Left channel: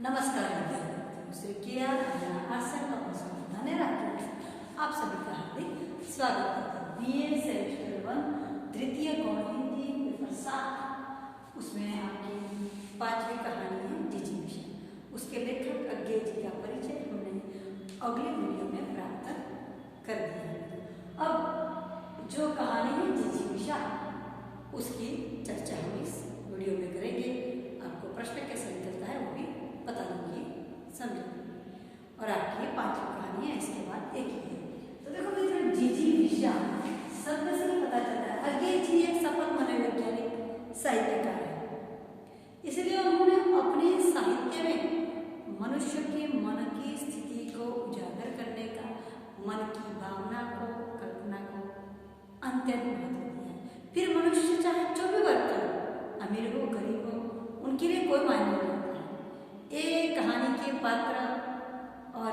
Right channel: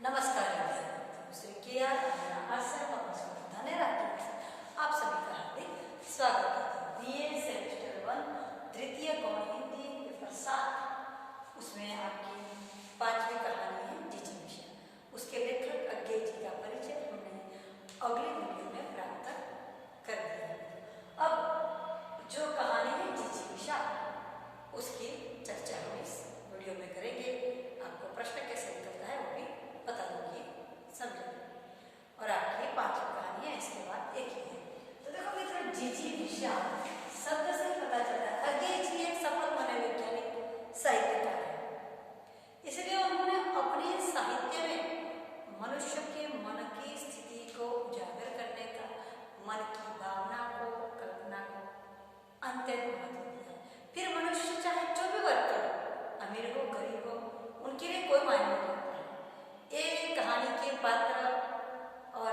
नमस्कार श्री के आर आप सभी का हार्दिक स्वागत करते हैं। बीए सेमेस्टर 1 तृतीय गौण हिंदी पेपर 7 उसमें आपकी 5वीं कहानी है जीजी विषय। उसके लेखक अज्ञे जी का परिचय हमने अगले वीडियो में प्राप्त कर दिया है। अब जो कहानी है जीजी विषय उसकी चर्चा हम इस वीडियो में करेंगे। आपको प्रश्न कैसे निकलता है वो भी पता लगी समझेंगे। और आपकी 5वीं कहानी है, इसके बाद एक ही है। तो देखो मित्रों, जीजी विषय शब्द से ही पता चलता है अज्ञे जी एक सफल मनोवैज्ञानिक साहित्यकार है। इसलिए उन्होंने अपने साहित्य में मनुष्य के मन की स्थिति को उजागर करने का, मन की भावना को, कल्पना को अत्यंत महत्व दिया। फिर मनुष्य चाहे जो भी वर्ग करे, अमीर हो गरीब हो, उनके लिए कोई मायने नहीं रखता है। एक कहानी के पात्र और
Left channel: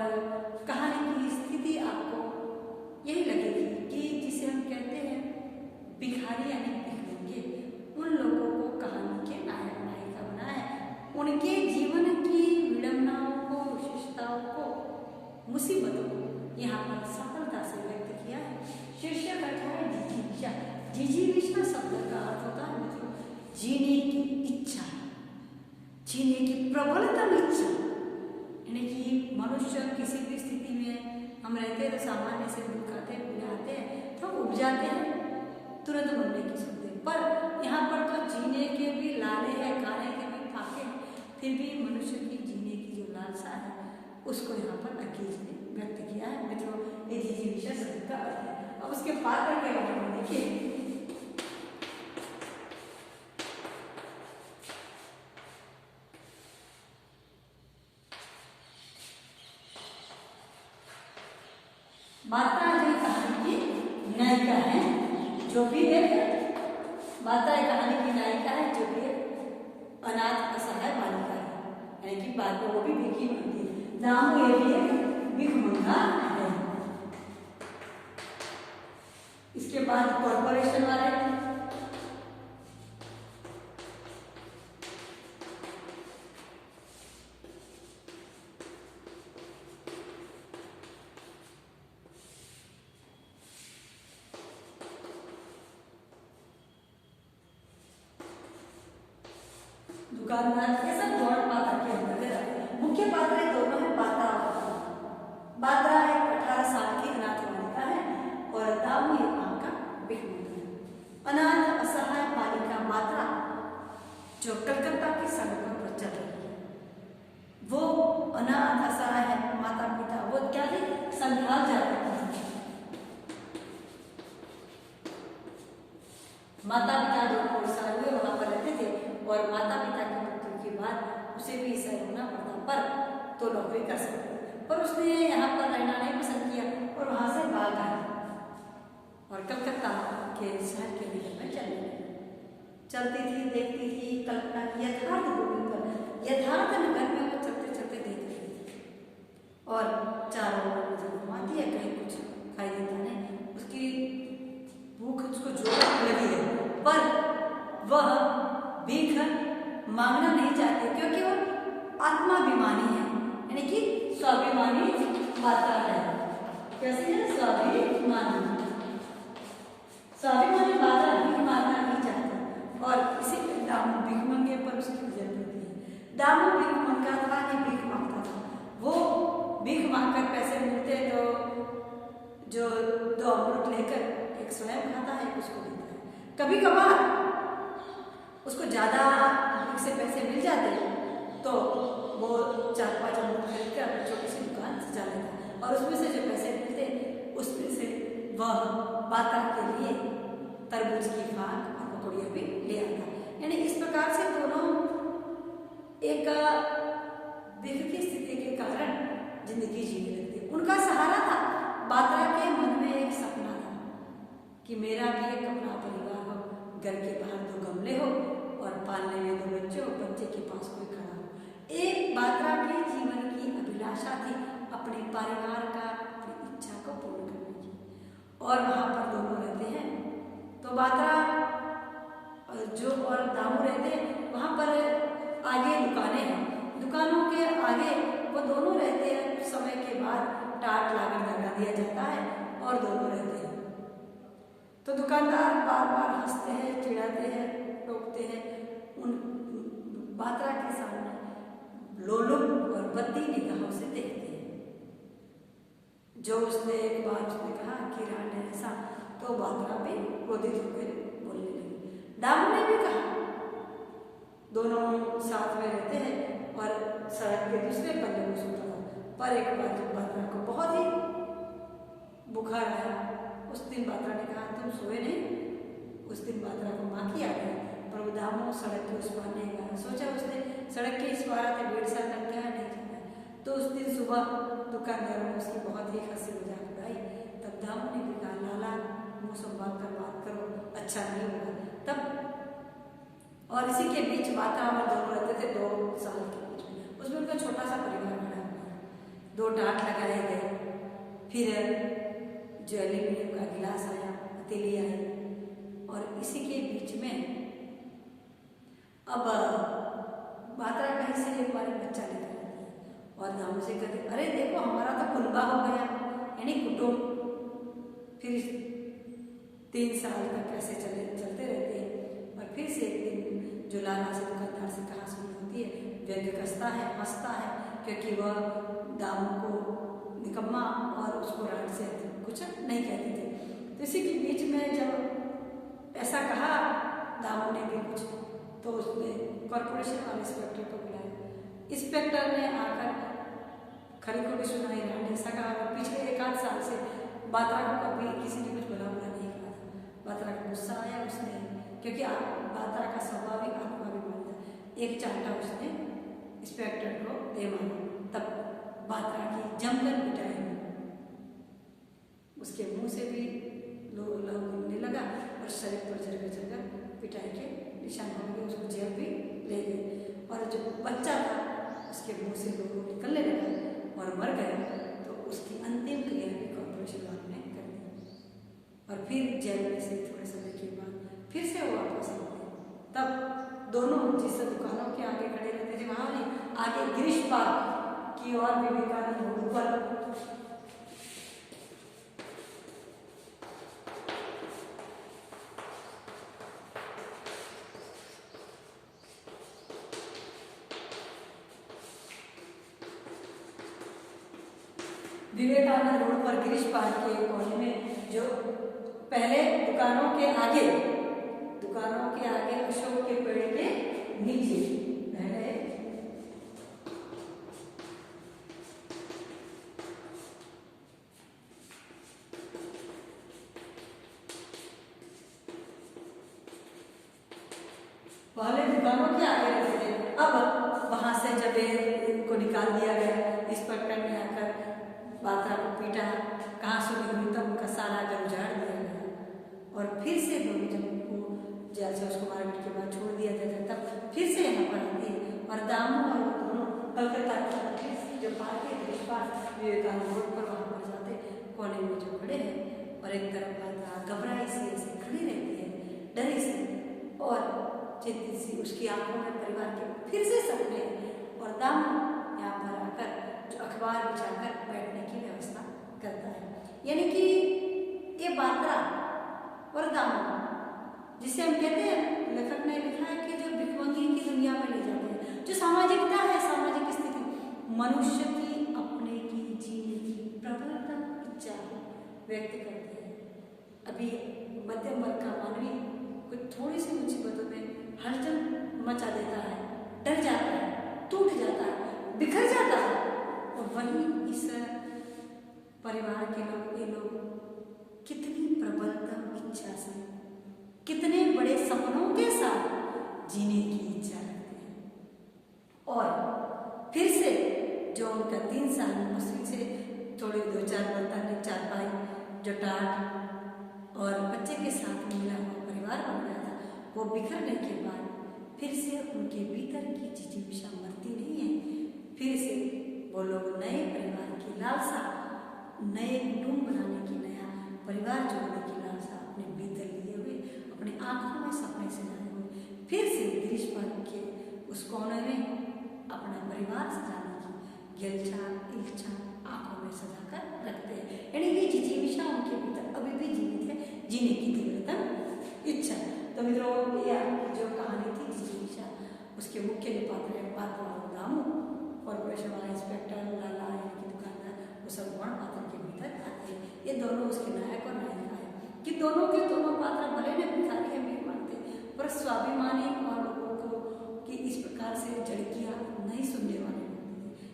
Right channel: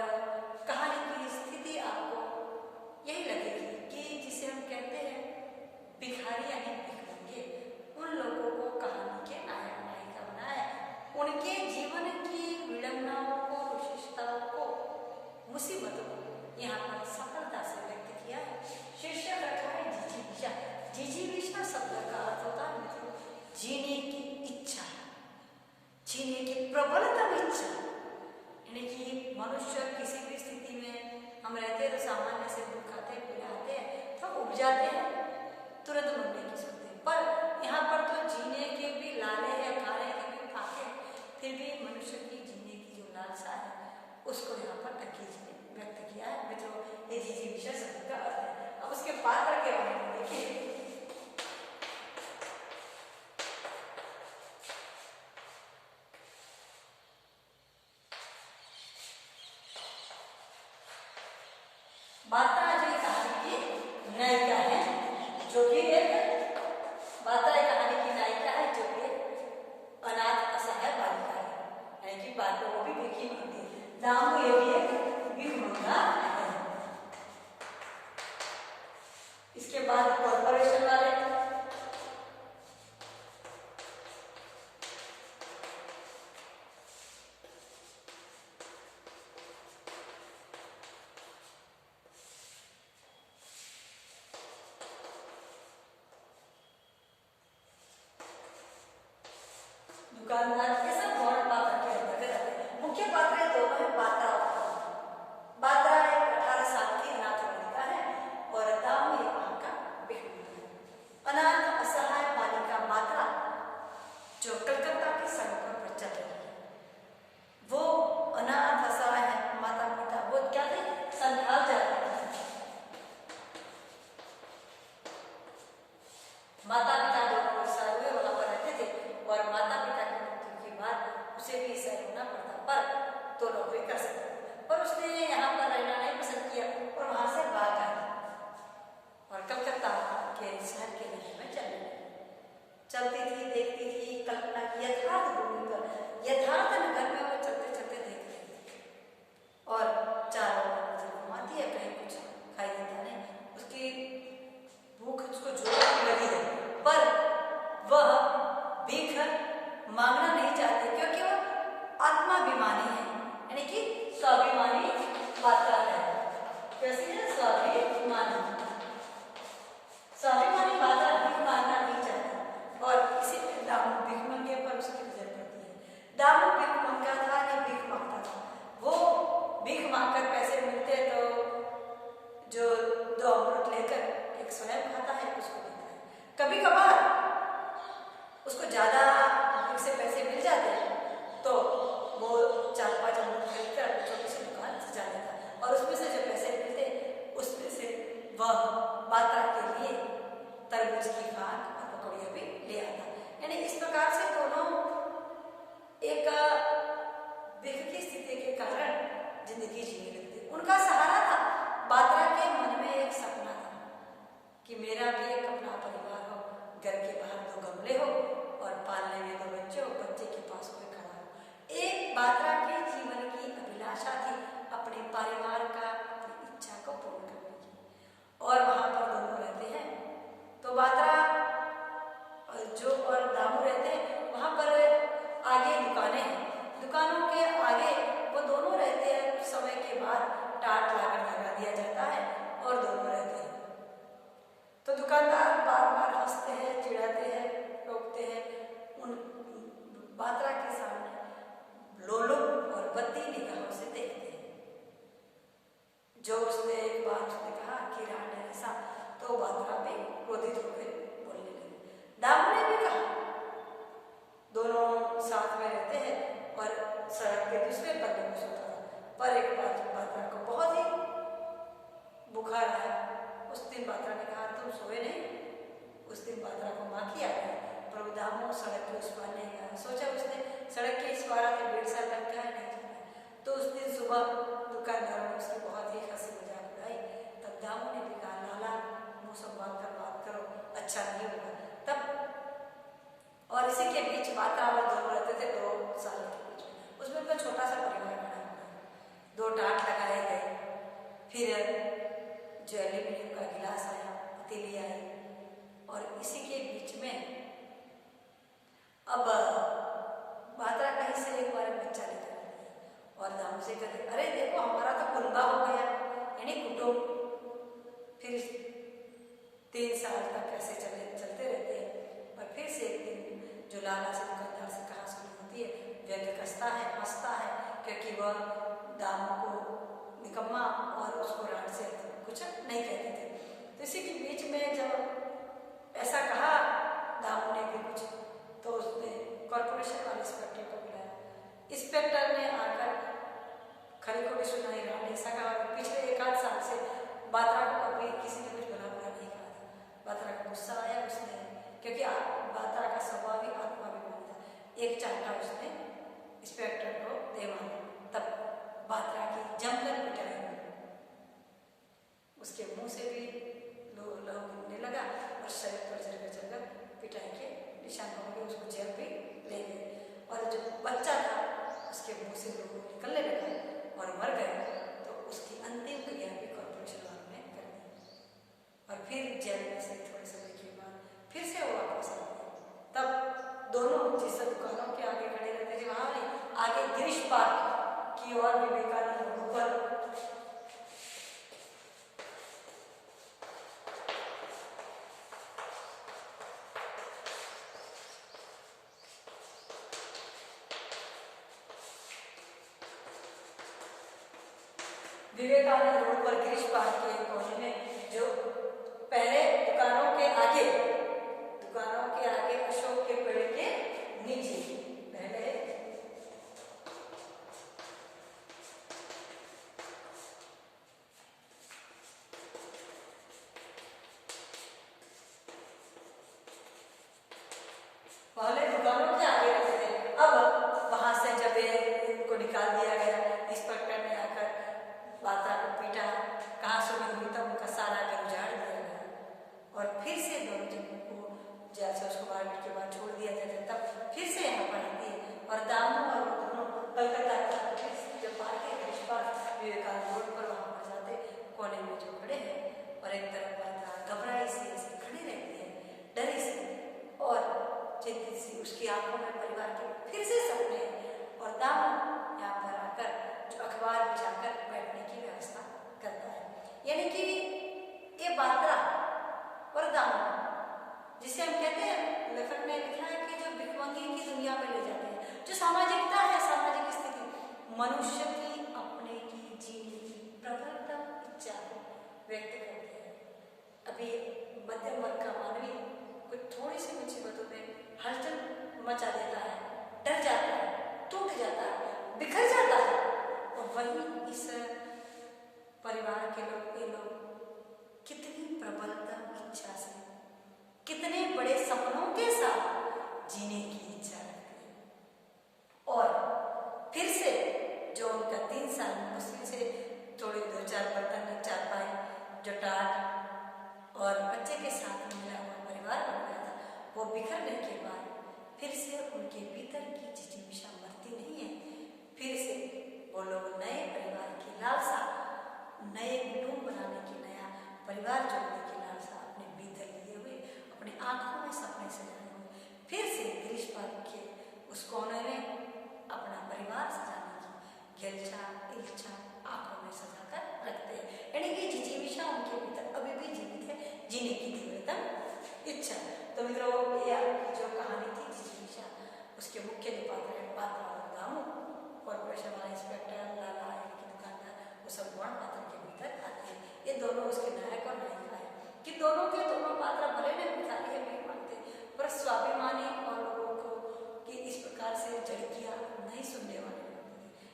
कहानी की स्थिति आपको यही लगेगी कि जिसे हम कहते हैं भिखारी यानी भिखमंगे, उन लोगों को कहानी के नायक नायिका बनाया है। उनके जीवन की विडंबनाओं को, विशेषताओं को, मुसीबतों को यहाँ पर सफलता से व्यक्त किया है। शीर्षक रखा है जीजी विषय। जीजी विषय शब्द का अर्थ होता है मित्रों जीने की इच्छा, जीने की प्रबलतम इच्छा। यानी कि मनुष्य किसी भी स्थिति में हम रहते हैं तो सामान्य से दुख आते हैं, पीड़ा आते हैं तो उब जाते हैं, तुरंत मरने की सोचते हैं। पर यहाँ पर तो जीने के भी लाले हैं, खाने के भी फाके हैं, फिर भी मनुष्य की जीने की जो लालसा है उसको यहाँ पर अज्ञे जी ने व्यक्त किया है। मित्रों, ये जीजी विषय शब्द का अर्थ है। अब उसके पात्र के बारे में देखिए। माता जो कहानी की नायिका है, जो भी एक माता कहानी की नायिका है, जो भी एक अनाथ असहाय बालिका है, यानी कि बात वो भी भिखी मांगती है। दामू ये भी एक भिखमंगा है। इसके बाद कॉर्पोरेशन वाले दुकानदार, ये सब गौण पात्र के अंदर है। मुख्य पात्र दोनों है बात्रा और बात्रा एक 18 साल की अनाथ बालिका है और दामू एक वहां का भिखमंगा है। अनाथ असहाय बालिका बात्रा जो कलकत्ता की सड़कों पर चल रही है, वो अनाथ असहाय है। माता पिता वो क्या थे, संथाल जाते थे। माता पिता दोनों उड़ीसा हुए वहां पर रहते थे और माता पिता की मृत्यु के बाद उसे भी ऐसा होना पड़ता, पर तो नौकरी कर सकते, पर उसने यहाँ पर रहना नहीं पसंद किया और वहां से भाग आया और कलकत्ता के शहर के नगर में चलने लगी। चलती थी, देखती थी, कल्पना की यथार्थ भूमि पर, यथार्थ नगर में वो चलते चलते देख रही थी और चारों ओर नजर घुमाती है, कहीं कुछ खाई देता नहीं। उसकी भूख उसको जोर लगी है, पर वह भीख मांगना नहीं चाहते क्योंकि वो आत्माभिमानी है, यानी कि स्वाभिमानी मात्रा है। कैसे है स्वाभिमानी मात्रा भीख मांगना नहीं चाहती और इसी दामू भिखमंगे पर उसकी नजर पड़ती है। दामू भिखमंगा था, नहीं भीख मांगता था। वो भीख मांगकर पैसे मिलते तो जो 2 अमृत लेकर एक स्वयं खाता है, उसको देता है। कभी कभार उसको ज्यादा से पैसे मिल जाते तो वो 4-5 अमृत खरीद कर अपनी छोटी सी दुकान सजा लेता और उसमें से जो पैसे मिलते उसमें से वह बात्रा के लिए तरबूज की फाक और पकौड़ियाँ भी ले आता। यानी इस प्रकार से दोनों एक भिख की स्थिति के कारण जिंदगी जीने लगते। उनका सहारा था, बात्रा के मन में एक सपना था कि मेरा भी एक अपना परिवार हो, घर के बाहर 2 गमले हो और पालने में 2 बच्चे हो, बच्चे के पास कोई खड़ा हो। एक बात्रा के जीवन की अभिलाषा थी अपने परिवार का, अपनी इच्छा को पूर्ण करने की। और वहां पर दोनों रहते हैं तो बात्रा जो और दामू रहते हैं वहां पर आगे दुकानें हैं। दुकानों के आगे वो दोनों रहते हैं। कुछ समय के बाद टाट लाकर लगा दिया जाता है और दोनों रहते हैं। तो दुकानदार बार बार हंसते हैं, चिढ़ाते हैं, टोकते हैं। उन बात्रा के सामने लोलुप और बद्दी निगाहों से देखते हैं। जो उसने एक बार उसने कहा कि रांड है ऐसा, तो बात्रा भी क्रोधित होकर बोलने लगी। दामू ने भी कहा। दोनों साथ में रहते हैं और सड़क के दूसरे पन्ने में सोता था। पर एक बार जब बात्रा को बहुत ही बुखार आया, उस दिन बात्रा ने कहा तुम सोए नहीं। उस दिन बात्रा को माँ की याद आई, पर दामू सड़क के उस पार नहीं गया। सोचा उसने सड़क के इस पार आते 1.5 साल लग गया नहीं जाना है। तो उस दिन सुबह दुकानदारों ने उसकी बहुत ही हंसी मजाक उड़ाई। तब दामू ने भी कहा लाला मुँह संभाल कर बात करो, अच्छा नहीं होगा। तब और इसी के बीच बात्रा और दोनों रहते थे 2 साल के बीच में। उसमें उनका छोटा सा परिवार खड़ा हुआ। 2 टाट लगाए गए। फिर जो एल्यूमिनियम का गिलास आया, पतीली आई, और इसी के बीच में अब बात्रा कहीं से एक बार बच्चा लेकर आती है और दामू से कहते अरे देखो हमारा तो कुनबा हो गया, यानी कुटुंब। फिर 3 साल तक ऐसे चलते रहते हैं। और फिर से एक दिन जो लाला से दुकानदार से कहा सुनी होती है, व्यंग कसता है, हंसता है, क्योंकि वह दामू को निकम्मा और उसको रांड से कुछ नहीं कहते थे। तो इसी के बीच में जब ऐसा कहा दामू ने भी कुछ, तो उसने कॉरपोरेशन वाले इंस्पेक्टर को बुलाया। इंस्पेक्टर ने आकर खरी खोटी सुनाई, रांड ऐसा कहा। पिछले 1 आध साल से बात्रा को कभी किसी ने कुछ भला बुरा नहीं कहा था। बात्रा को गुस्सा आया। उसने, क्योंकि बात्रा का स्वभाव ही आत्माभिमानी था, एक चांटा उसने इंस्पेक्टर को दे मारा। तब बात्रा की जमकर पिटाई, उसके मुंह से भी लहू गिरने लगा और शरीर पर जगह पिटाई के निशान हो गए। उसको जेल भी ले गए। और जो बच्चा था उसके मुंह से लहू निकलने लगा और मर गए। तो उसकी अंतिम क्रिया भी कॉर्पोरेशन वालों ने कर दी। और फिर जेल में से थोड़े समय के बाद फिर से वो वापस आ गए। तब दोनों जिस दुकानों के आगे खड़े रहते थे वहां नहीं, आगे गिरीश पार्क की और विवेकानंद रोड पर विवेकानंद रोड पर गिरीश पार्क के कोने में जो पहले दुकानों के आगे अशोक के पेड़ के नीचे पहले दुकानों के आगे रहते थे। अब वहां से जब उनको निकाल दिया गया, इंस्पेक्टर ने आकर बात्रा को पीटा, कहाँ सुनी हुई, तब उनका सारा घर उजाड़ दिया गया। और फिर से दोनों जब उनको जेल से उसको मारपीट के बाद छोड़ दिया जाता, तब फिर से यहाँ पर आती है। और दामू और वो दोनों कलकत्ता फिर जब पार्क है गिरीश पार्क विवेकानंद रोड पर, वहाँ पर जाते कोने में जो खड़े हैं। और एक तरफ बात्रा घबराई सी ऐसे खड़ी रहती है, डरी सी और चिंतित सी। उसकी आंखों में परिवार के फिर से सपने। और दामू यहाँ पर आकर जो अखबार बिछाकर बैठने की व्यवस्था करता है। यानी कि ये बात्रा और दामू, जिसे हम कहते हैं, लेखक ने लिखा है कि जो भिखमंगी की दुनिया में ले जाते हैं, जो सामाजिकता है, सामाजिक स्थिति, मनुष्य की अपने की जीने की प्रबलतम इच्छा व्यक्त करते हैं। अभी मध्यम वर्ग का मानवी कोई थोड़ी सी मुसीबतों में हलचल मचा देता है, डर जाता है, टूट जाता है, बिखर जाता है। और वहीं इस परिवार के लोग, ये लोग कितनी प्रबलतम इच्छा से, कितने बड़े सपनों के साथ जीने की इच्छा रखते हैं। और फिर से जो उनका 3 साल मुश्किल से थोड़ी 2-4 बर्तन, 4 पाई, जो टाट और बच्चे के साथ मिला हुआ परिवार बन गया था, वो बिखरने के बाद फिर से उनके भीतर की जिज्ञासा मरती नहीं है। फिर से वो लोग नए परिवार की लालसा, नए कुटुंब बनाने की, नया परिवार जोड़ने की लालसा अपने भीतर लिए हुए, अपनी आंखों में सपने सजाए हुए, फिर से गिरीश पार्क के उस कोने में अपना परिवार सजाने की गिलछा इल्छा आंखों में सजाकर रखते हैं, यानी कि जिजीविषा उनके भीतर अभी भी जीवित है, जीने की तीव्रतम इच्छा। तो मित्रों ये आपकी जो कहानी थी जिजीविषा, उसके मुख्य जो पात्र है पात्रा और दामू, कॉर्पोरेशन वाला इंस्पेक्टर लाला यानी कि दुकानदार, वो सब गौण पात्र के भीतर आते हैं। ये दोनों उसके नायक और नायिका है कि दोनों के दोनों पात्र भले ने भिखारी है मीर मानते, पर स्वाभिमानी और लोगों को कि इस प्रकार से झड़कियां नहीं सुनने वाले हैं।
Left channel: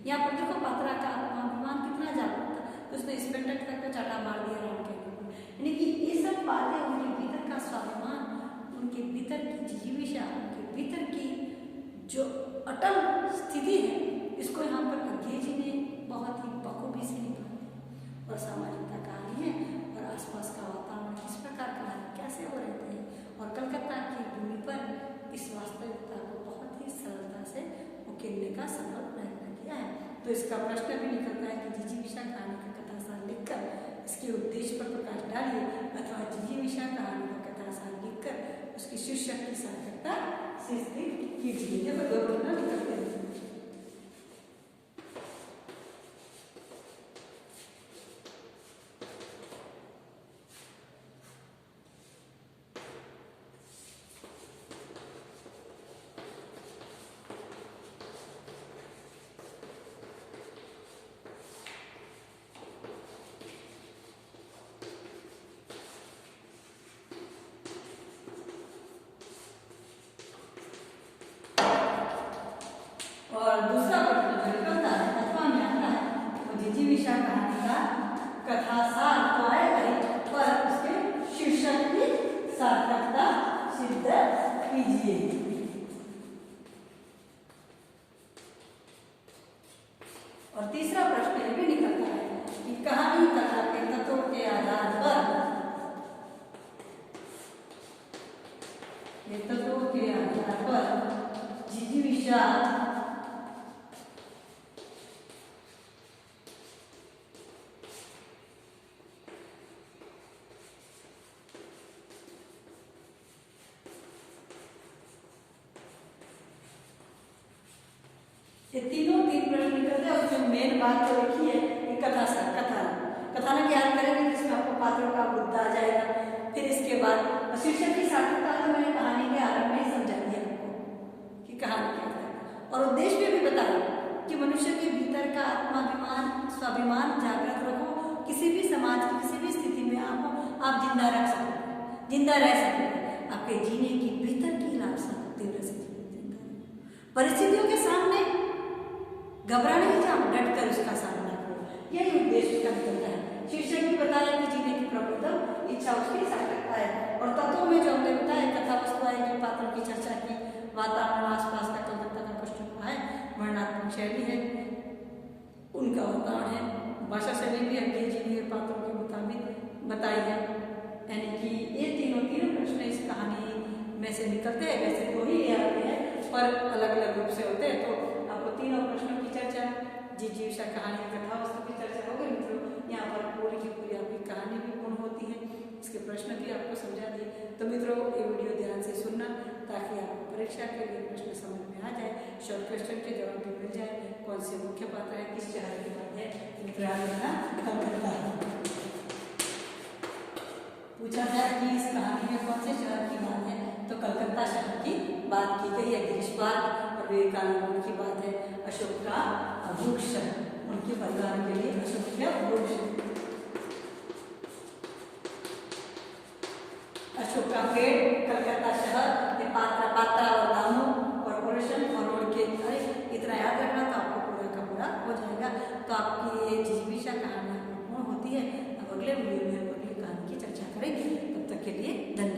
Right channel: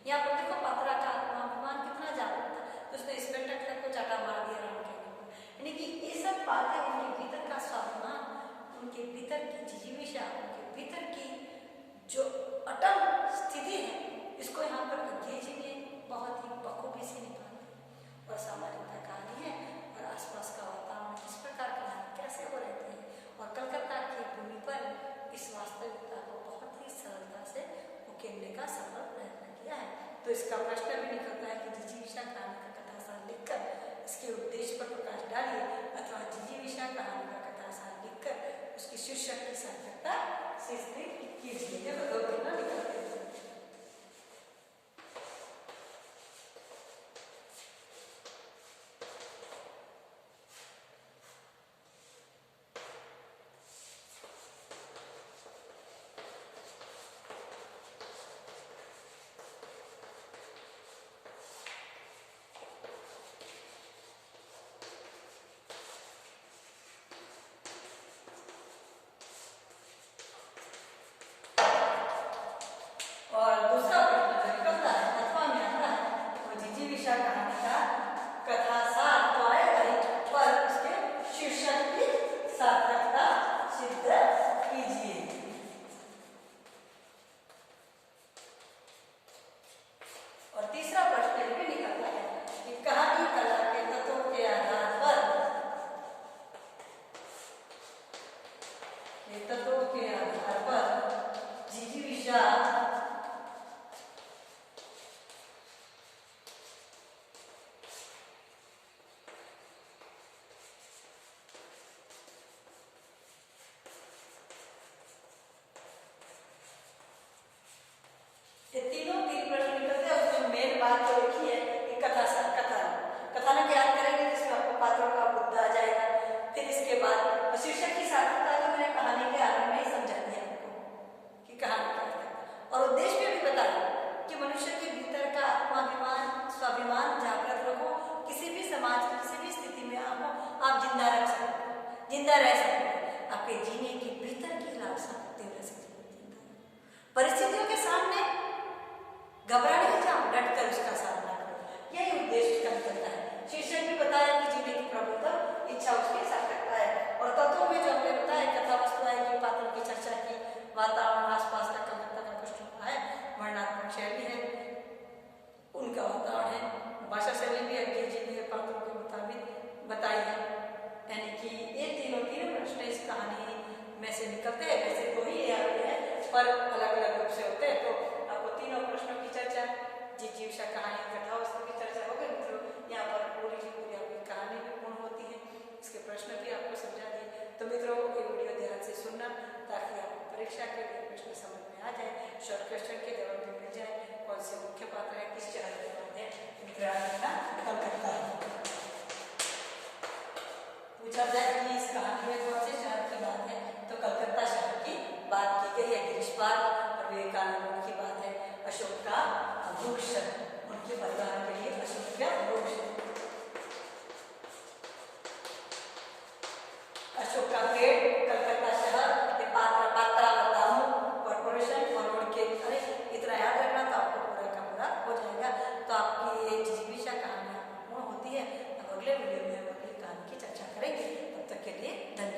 यहाँ पर देखो पात्रा का आत्माभिमान कितना जागरूक था, तो उसने इंस्पेक्टर तक को चाटा मार दिया राम कहने पर, यानी कि ये सब बातें उनके भीतर का स्वाभिमान, उनके भीतर की जिजीविषा, उनके भीतर की जो अटल स्थिति है, इसको यहाँ पर अज्ञे जी ने बहुत ही बखूबी से निकाला। और सामाजिकता कहानी है और आसपास का वातावरण किस प्रकार का है, कैसे वो रहते हैं, और कलकत्ता की भूमि पर इस वास्तविकता को बहुत ही सरलता से उकेरने का सफल प्रयत्न किया है। तो इसका प्रश्न भी निकलता है कि जिजीविषा कहानी का कथासार लिखकर इसके उद्देश्य पर प्रकाश डालिए, अथवा जिजीविषा कहानी का कथासार लिखकर उसकी शीर्षक की सार्थकता से स्थित कीजिए। ये दो प्रश्न निकलते हैं। और दूसरा प्रश्न जो निकलता है अथवा में आता है, वो जिजीविषा कहानी का कथासार तो आएगा ही, पर उसके शीर्षक की सार्थकता सिद्ध कीजिए। और तीसरा प्रश्न ये भी निकलता है कि कहानी कला के तत्वों के आधार पर, तत्वों के आधार पर जिजीविषा ये तीन प्रश्न निकलते हैं। उसमें मेन बात तो लिखी है कि कथासार कथानक याद करेंगे जिसमें आपको पात्रों का मुद्दा आ जाएगा। फिर इसके बाद शीर्षक की सार्थकता तो मैंने कहानी के आरंभ में ही समझा दिया आपको कि कहानी क्या है, और उद्देश्य भी बताया कि मनुष्य के भीतर का आत्माभिमान स्वाभिमान जागृत रखो, किसी भी समाज किसी भी स्थिति में आप जिंदा रह सको, आपके जीने की भीतर की लालसा तीव्र से परिस्थितियों के सामने घबरा नहीं जाओ, डट कर उसका सामना करो, यही उद्देश्य का निकलता है। शीर्षक भी बताया कि जीने की प्रबुद्धम इच्छा उसकी सार्थकता है। और तत्वों में जो हमने बताया कथा वस्तु आएगी, पात्रों की चर्चा की, वातावरण आसपास का कलकत्ता का पृष्ठभूमि है, वर्णनात्मक शैली है, उनका वातावरण है, भाषा शैली भी अज्ञे जी ने पात्रों के मुताबिक बताई है। यानी कि ये तीन प्रश्न इस कहानी में से निकलते हैं। वैसे दो ही आते हैं पर अलग अलग रूप से होते हैं। तो आपको तीनों प्रश्नों की चर्चा, जिजीविषा कहानी कथा वस्तु की चर्चा हो गई मित्रों। यहाँ पर पूरी की पूरी आपकी कहानी भी पूर्ण होती है, इसके प्रश्न भी आपको समझा दिए। तो मित्रों ये वीडियो ध्यान से सुनना ताकि आपको परीक्षा के लिए प्रश्न समझ में आ जाए, शॉर्ट क्वेश्चन के जवाब भी मिल जाए, कौन से मुख्य पात्र है, किस शहर के बाद है, पूछा जाए कि इस कहानी में कौन से शहर की बात है, तो कलकत्ता शहर की बात की गई है। गिरीश पार्क और विवेकानंद की बात है। अशोक का वृक्ष, उनके परिवार के लिए अशोक का वृक्ष, अशोक का पेड़, कलकत्ता शहर, पात्रा और दामू कॉर्पोरेशन, और उनके इतना याद रखना तो आपको पूरा का पूरा हो जाएगा। तो आपकी ये जिजीविषा कहानी पूर्ण होती है। अब अगले वीडियो में हम अगली कहानी की चर्चा करेंगे। तब तक के लिए धन्यवाद।